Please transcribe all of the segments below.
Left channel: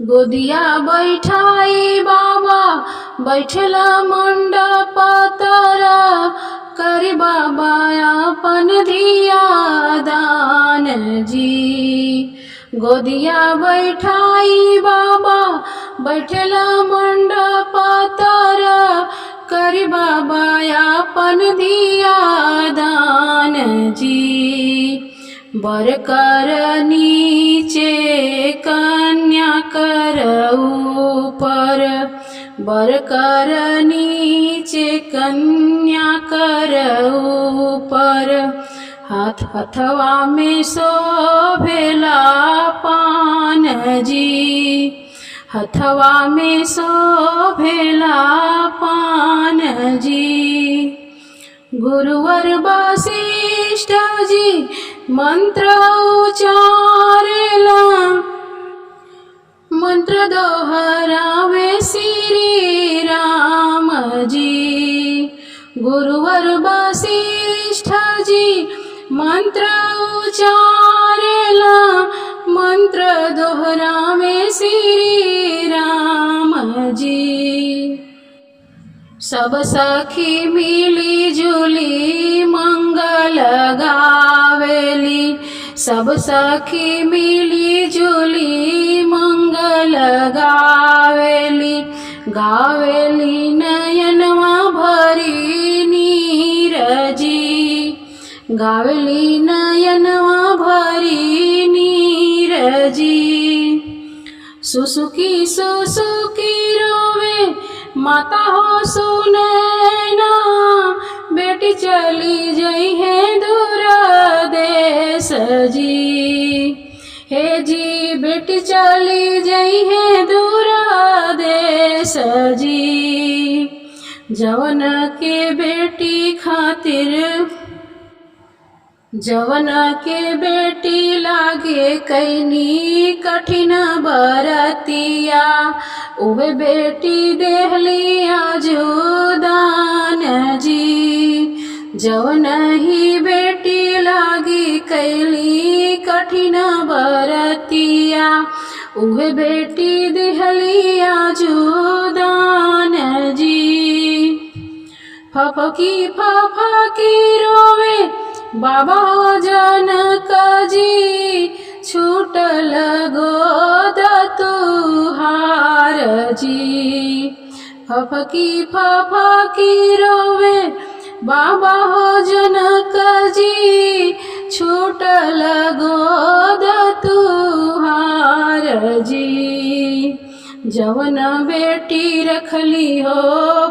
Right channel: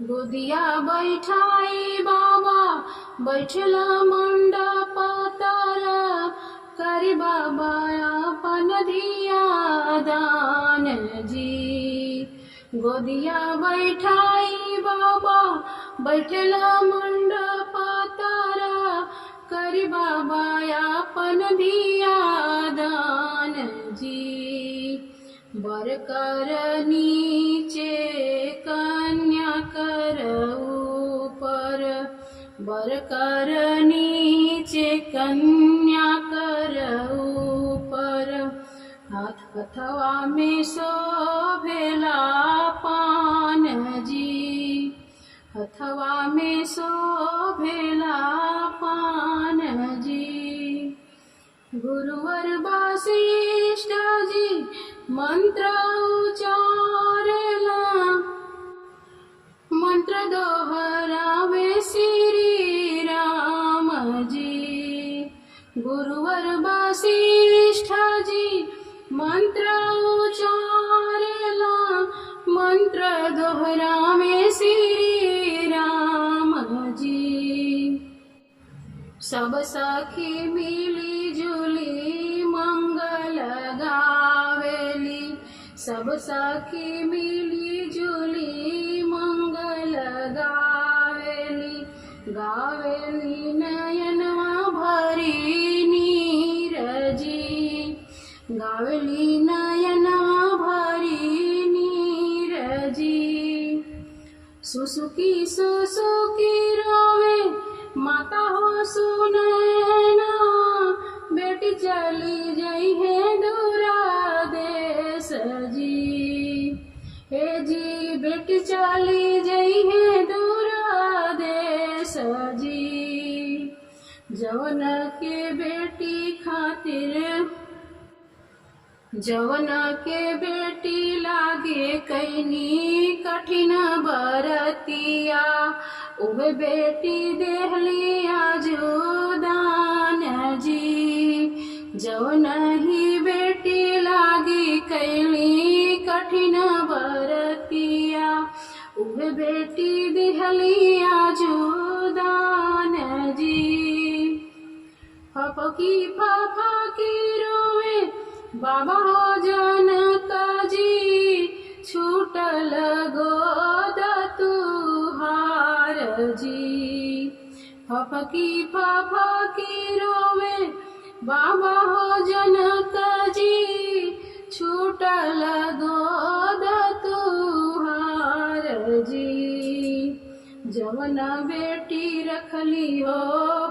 गोदिया बैठाई बाबा बैठल मंडप तर, करी बाबा अपन धिया दान जी। गोदिया बैठाई बाबा बैठल मंडप तर, करी बाबा अपन धिया दान जी। बर कर नीचे कन्या कर ऊपर, बर कर नीचे कन्या कर ऊपर, हाथ हथवा में शोभेला पान जी। हथवा में शोभेला पान जी। गुरुवर वशिष्ठ जी मंत्र उचारेला, मंत्र दोहरावे श्री राम जी। गुरुवर वशिष्ठ जी मंत्र उचारेला, मंत्र दोहरावे श्री राम जी। सब सखी मिली जुली मंगल गावेली, सब सखी मिली जुली मंगल गावेली। गावेली नयनवा भरी नीर जी, गावेली नयनवा भरी नीर जी। सुसुकी सुसुकी रोवे माता हो सुनैना, बेटी चली जई है दूर देश जी। हे जी बेटी चली जई है दूर देश जी। जवन के बेटी खातिर, जवन के बेटी लागे कैनी कठिन बरतिया, उहे बेटी देहली आजुदान जी। जवन ही बेटी लागी कैली कठिन बरतिया, उहे बेटी देहली आजुदान जी। फफकी फफकी रोवे बाबा जनक जी, छूटल गोद तुहार जी। फफकी फफकी रोवे बाबा हो जनक जी, छूटल गोद तुहार जी। जवन बेटी रखली हो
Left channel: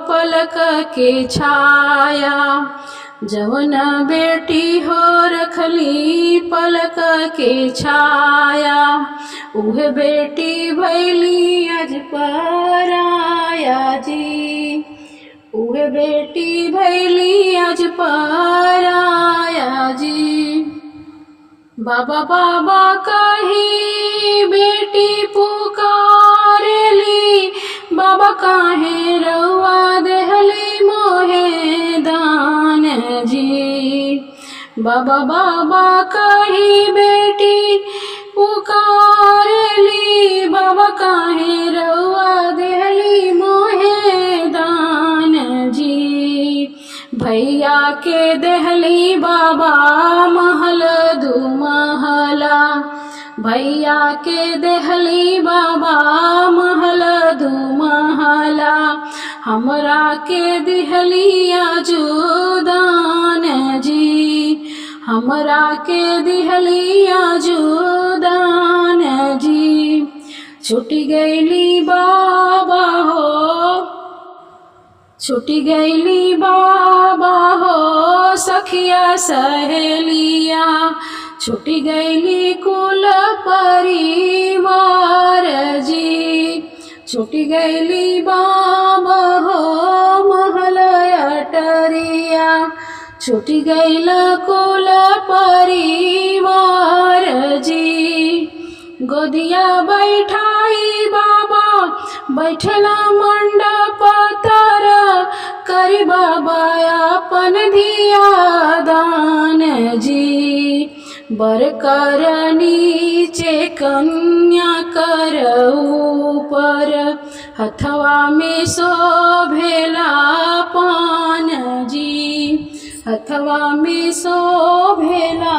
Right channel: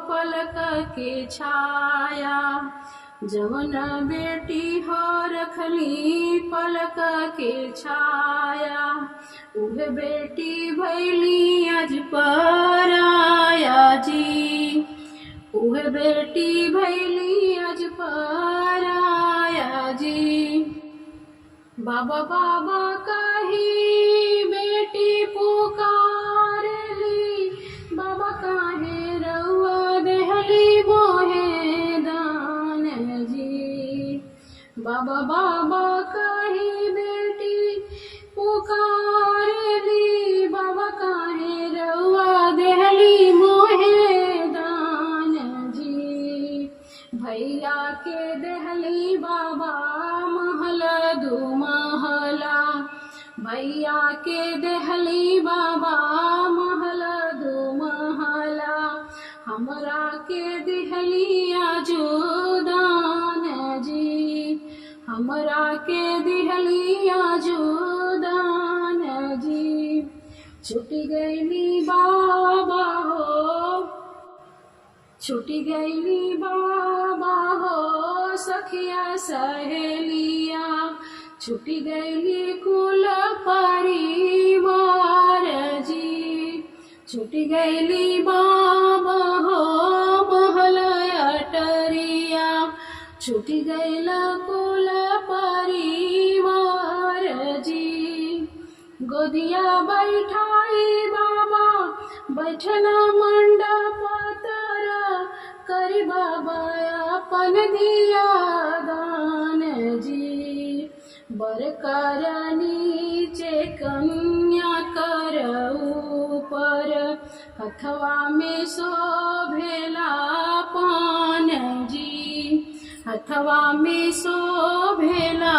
पलक के छाया, जवन बेटी हो रखली पलक के छाया, उहे बेटी भैली आज पराया जी। उहे बेटी भैली आज पराया जी। बाबा बाबा कही बेटी पुकारेली, बाबा काहे रउआ देहली मोहे दान जी। बाबा बाबा कही बेटी पुकारेली, बाबा काहे रउआ देहली मोहे दान जी। भैया के देहली बाबा महल दू महला, भैया के देहली बाबा महल दू महला, हमरा के देहली आजुदान जी। हमरा के देहली आजुदान जी। छुटी गईली बाबा हो, छुटी गईली बाबा हो सखिया सहेलिया, छुटी गईली कुल परिवार जी। छुटी गईली बाबा हो महल अटरिया, छुटी गईल कुल परिवार जी। गोदिया बैठाई बाबा बैठला मंडप तर, करी बाबा अपन धिया दान जी। बर कर नीचे कन्या कर ऊपर, हथवा में शोभेला पान जी, हथवा में शोभेला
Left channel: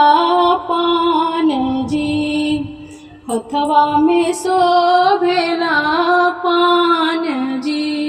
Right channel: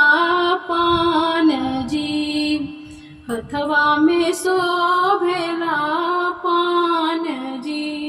पान जी, हथवा में शोभेला पान जी।